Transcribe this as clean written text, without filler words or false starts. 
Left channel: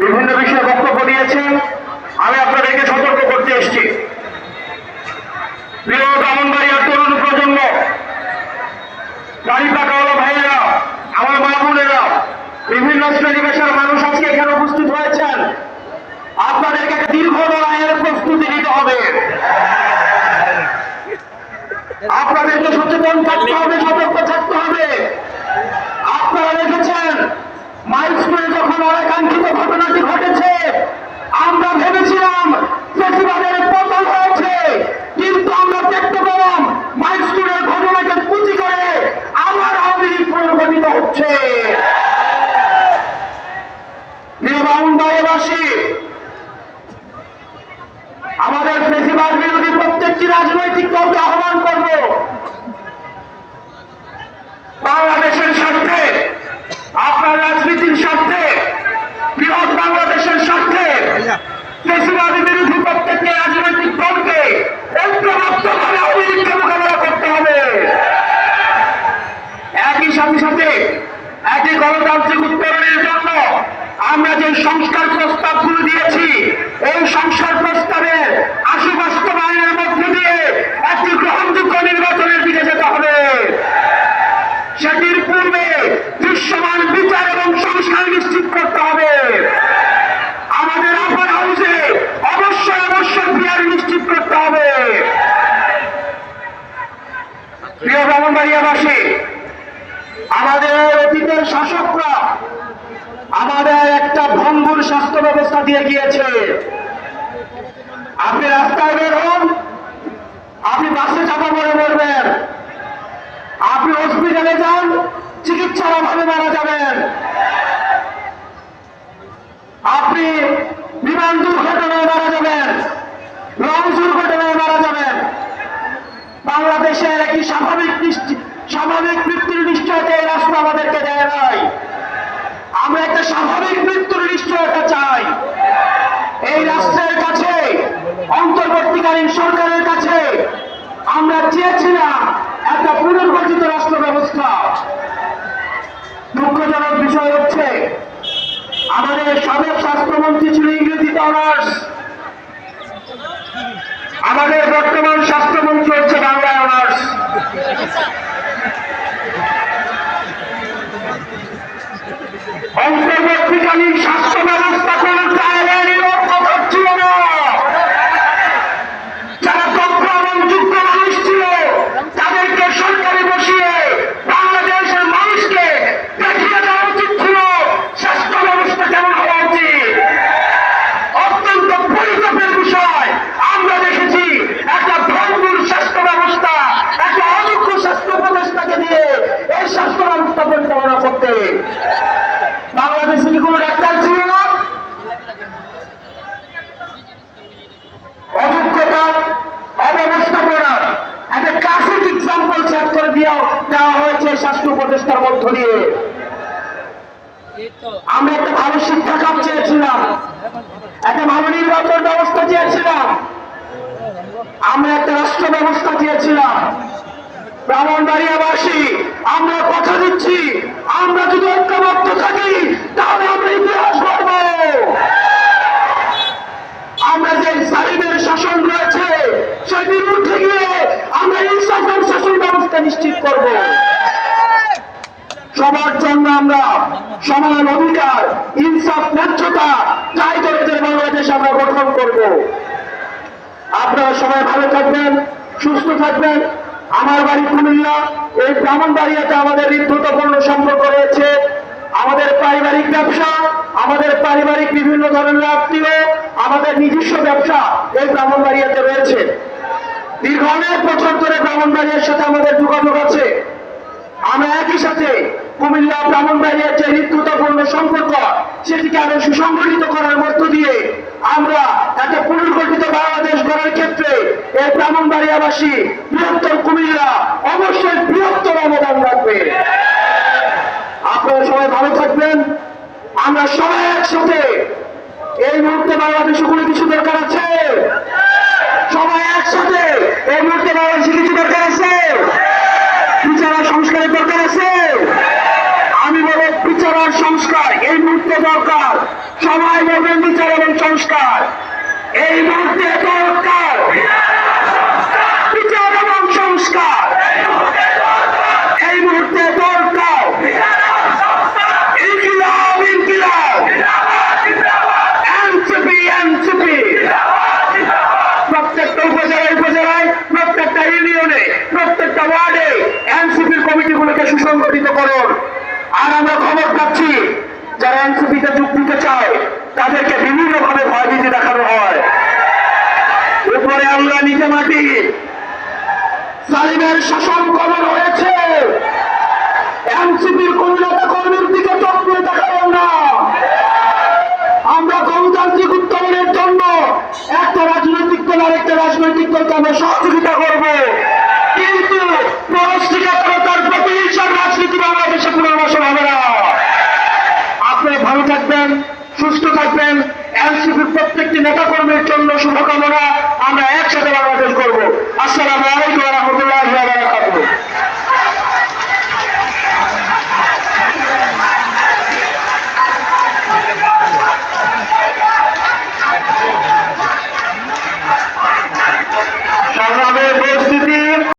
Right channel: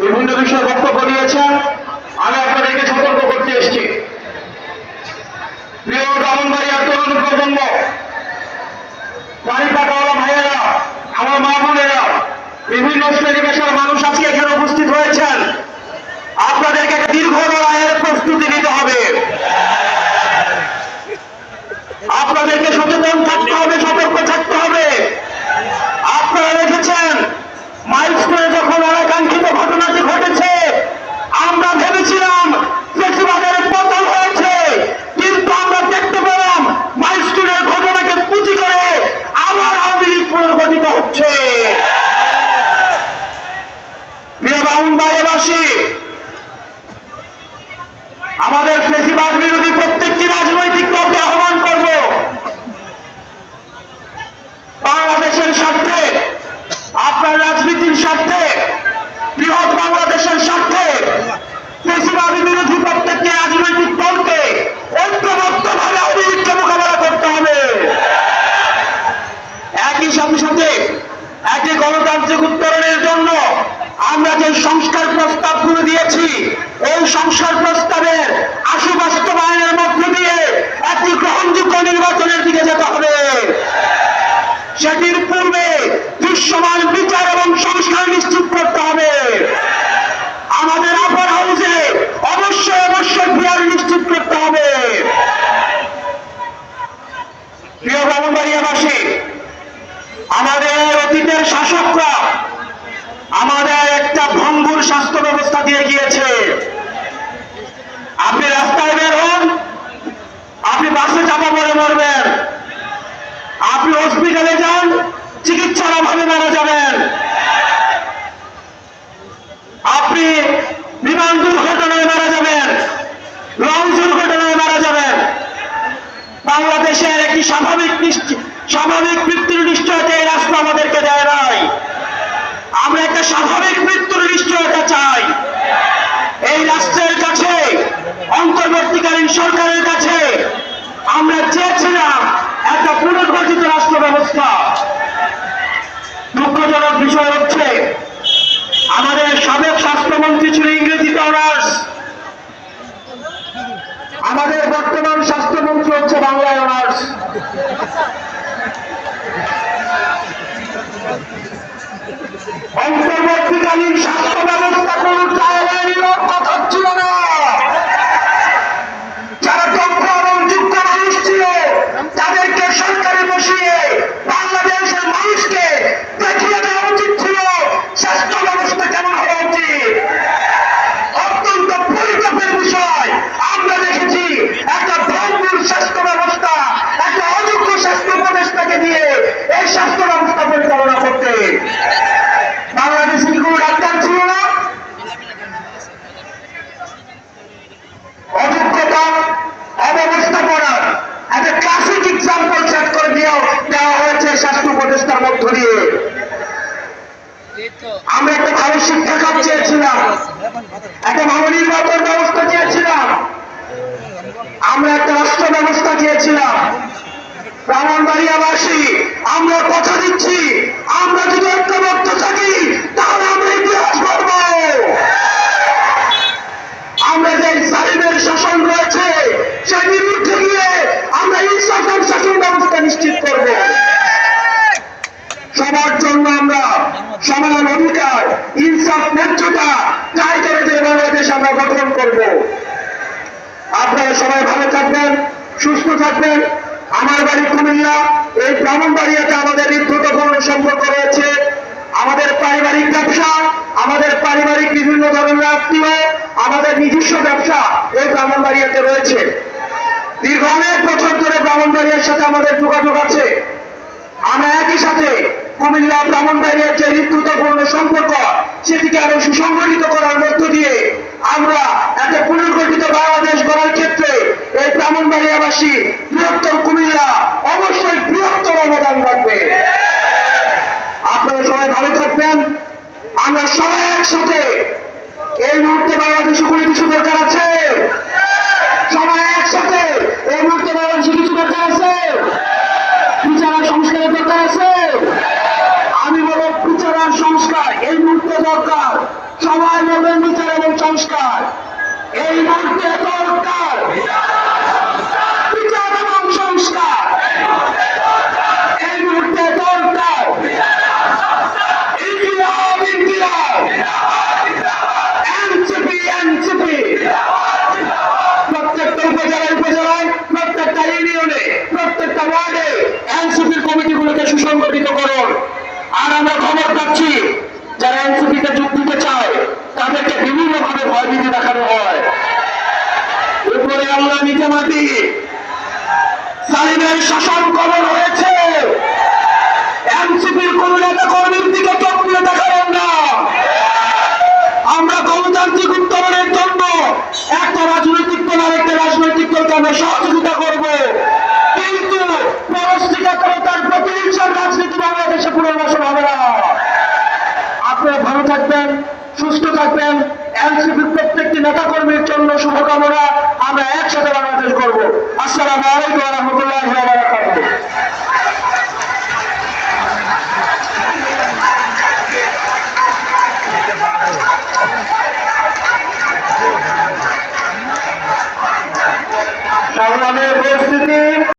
বিভিন্ন বিষয়ে বক্তব্য দিয়েছেন। আমি আপনাদেরকে সতর্ক করতে এসেছি, প্রিয় ব্রাহ্মণবাড়িয়ার তরুণ প্রজন্ম, গাড়ি পাকাওয়ালা ভাইয়েরা, আমার মা বোনেরা, বিভিন্ন শ্রেণী পেশার মানুষ আজকে এখানে উপস্থিত হয়েছেন। আপনাদেরকে দীর্ঘ লড়াইয়ের প্রস্তুতি নিতে হবে। আপনাদেরকে সচেতন থাকতে হবে, সতর্ক থাকতে হবে। আপনারা দেখেছেন মাইলস্টোনে যখন আকাঙ্ক্ষিত ঘটনাটি ঘটেছে, আমরা ভেবেছিলাম ফেসিবাদের পতন হয়েছে, কিন্তু আমরা দেখতে পেলাম মাইলস্টোনের ঘটনাকে পুঁজি করে আবার আওয়ামী লীগ পুনর্গঠিত হচ্ছে। ব্রাহ্মণবাড়িয়াবাসী, আমাদের ফেসিবাদ বিরোধী প্রত্যেকটি রাজনৈতিক দলকে আহ্বান করব, বাংলাদেশের স্বার্থে, আপনার রাজনীতির স্বার্থে, বৃহৎ বাংলাদেশের স্বার্থে ফেসিবাদ বিরোধী প্রত্যেকটি রাজনৈতিক দলকে ঐক্যবদ্ধভাবে আওয়ামী লীগকে মোকাবেলা করতে হবে। একই সাথে সাথে একই গণতান্ত্রিক উত্তরণের জন্য আমরা যে সংস্কার প্রস্তাবগুলো দিয়েছি, এই সংস্কার প্রস্তাবের আশু বাস্তবায়নের মধ্য দিয়ে একটি গ্রহণযোগ্য নির্বাচনের দিকে যেতে হবে। সেটির পূর্বে দৃশ্যমান বিচার এবং সংস্কার নিশ্চিত করতে হবে। আমাদের আপার হাউসে অবশ্যই ফিয়ারি নিশ্চিত করতে হবে। প্রিয় ব্রাহ্মণবাড়িয়াবাসী, আমাদের অতীতের শাসকরা আমাদের একটা ভঙ্গুর স্বাস্থ্য ব্যবস্থা দিয়ে গিয়েছে। আপনি রাস্তায় বের হন, আপনি বাসে চাপা পড়ে মরবেন, আপনি হসপিটালে যান, চিকিৎসার অভাবে মারা যাবেন, আপনি বিমান দুর্ঘটনায় মারা যাবেন, লঞ্চ দুর্ঘটনায় মারা যাবেন। বাংলাদেশের একটি স্বাভাবিক মৃত্যুর নিশ্চয়তা এই রাষ্ট্র আমাদেরকে দেয় নাই। আমরা একটা স্বাভাবিক মৃত্যুর নিশ্চয়তা চাই। এই রাষ্ট্রের কাছে, অন্তর্বর্তীকালীন সরকারের কাছে আমরা চেয়েছিলাম একটা পুনর্গঠিত রাষ্ট্র ব্যবস্থা। দুঃখজনক বিষয় হচ্ছে, আমাদের সাবেক স্বাস্থ্যমন্ত্রী ছিল ইংরেজিতে অনার্স, আমাদের বর্তমান স্বাস্থ্যমন্ত্রী হচ্ছে বাংলায় অনার্স। অন্তর্বর্তীকালীন স্বাস্থ্য ব্যবস্থা কোন জায়গায় কথা ছিল না। যারা দক্ষ এবং যোগ্য মানুষ ছিল তাদেরকে সরকারে বসিয়ে বাংলাদেশের মানুষকে দেখিয়ে দেওয়া উচিত ছিল স্বাস্থ্য ব্যবস্থা কেমন হওয়া উচিত। অত্যন্ত পরিতাপের বিষয়, আমরা দেখেছি একটা ভঙ্গুর স্বাস্থ্য ব্যবস্থা, একটা অযোগ্য স্বাস্থ্য উপদেষ্টাকে দিয়ে এই স্বাস্থ্য ব্যবস্থা পরিচালনা করতে। বাংলাদেশে কি কোনো ডাক্তার ছিল না? অযোগ্যতা, অব্যবস্থাপনা, একটা ক্লাসিক এক্সাম্পল সেট করে দেওয়া হয়েছে স্বাস্থ্য উপদেষ্টার মধ্য দিয়ে। আমরা একটা ভালো শিক্ষা খাত চেয়েছিলাম, একটা ভালো নির্বাচন ব্যবস্থা চেয়েছিলাম, আমরা একটা রাষ্ট্র ব্যবস্থা চেয়েছিলাম। ব্রাহ্মণবাড়িয়াবাসী, আমরা কথা দিচ্ছি, আমরা যদি ঐক্যবদ্ধ থাকি তাহলে আমরা ইতিহাস গড়ব। আমরা যে জালিমের শাসন রয়েছে সেটির উঠে গিয়ে আমরা ইনসাফের শাসন ব্যবস্থা নিশ্চিত করব। সবার জন্য আমরা সমান অধিকার, ইনসাফ, ন্যায্যতা চাই করে যে বাংলাদেশ আমরা গঠন করব। আপনারা সবাই ভালো থাকবেন, সুস্থ থাকবেন। আমার বাড়ি কুমিল্লা, এই ব্রাহ্মণবাড়িয়াতে আমাদের হৃদ্যতাপূর্ণ সম্পর্ক রয়েছে। আমাদের পারিবারিক ব্যবসা, আমাদের পারিবারিক বিভিন্ন ধরনের আত্মীয়, আমাদের নিজস্ব ব্যবসা এই ব্রাহ্মণবাড়িয়াতে রয়েছে। দীর্ঘ অনেক বছর ধরে ব্রাহ্মণবাড়িয়ার সাথে আমাদের যোগাযোগ আছে। আমরা একই সাথে কুমিল্লা ব্রাহ্মণবাড়িয়ার যে হৃদ্যতাপূর্ণ সম্পর্ক সেটিকে আরো সুসংগঠিত করার মধ্য দিয়ে আমরা একটা পুনর্গঠিত বাংলাদেশ গড়ার ক্ষেত্রে এই ব্রাহ্মণবাড়িয়াবাসী, বৃহত্তর কুমিল্লা অবশ্যই বৃহত্তর অবদান রাখবে। আপনারা সবাই ভালো থাকবেন। আমরা সবাই একসাথে এই মুহূর্তে বাংলাদেশে কোনো কিছু দরকার আছে, সবাই একসাথে এই মুহূর্তে বাংলাদেশে কিছু দরকার আছে, বিচার সংস্কারের দরকার আছে। আমি বলব বিচার আর সংস্কার এই মুহূর্তে দরকার। সবাই বলবেন বিচার এবং সংস্কার এই মুহূর্তে দরকার। বিচার এবং সংস্কার এই মুহূর্তে দরকার। ইনকিলাব ইনকিলাব এনসিপি এনসিপি প্রত্যেকটা উপজেলায় প্রত্যেকটা ইউনিয়নে প্রত্যেকটা ওয়ার্ডে এনসিপির কমিটিগুলোকে সুসংগঠিত করুন। আর আমরা খবর পাচ্ছি যারা এনসিপিতে যোগ দিতে চায় তাদেরকে বিভিন্নভাবে ভয়ভীতি দেখানো হয়। উপরে আমরা নিচে মাটি সালিমের শাসন কবল হয়েছে। এনসিপির কোন নেতা কর্মীর দিকে চোখ দিয়ে দেখাবেন না। আমরা গণতান্ত্রিক উত্তরণের জন্য একটা রাজনৈতিক দল আরেকটা রাজনৈতিক দলকে আমরা সহযোগিতা করব, কিন্তু পরশ্রীকাতরতার প্রতিহিংসার রাজনীতি বাংলাদেশে পুনর্বাসন হবে না। আপনারা ভালো থাকবেন, সুস্থ থাকবেন। এনসিপির প্রত্যেকটি নেতা কর্মীর জন্য শুভকামনা। আমরা একসাথে বাংলাদেশ করব। আসসালামু আলাইকুম।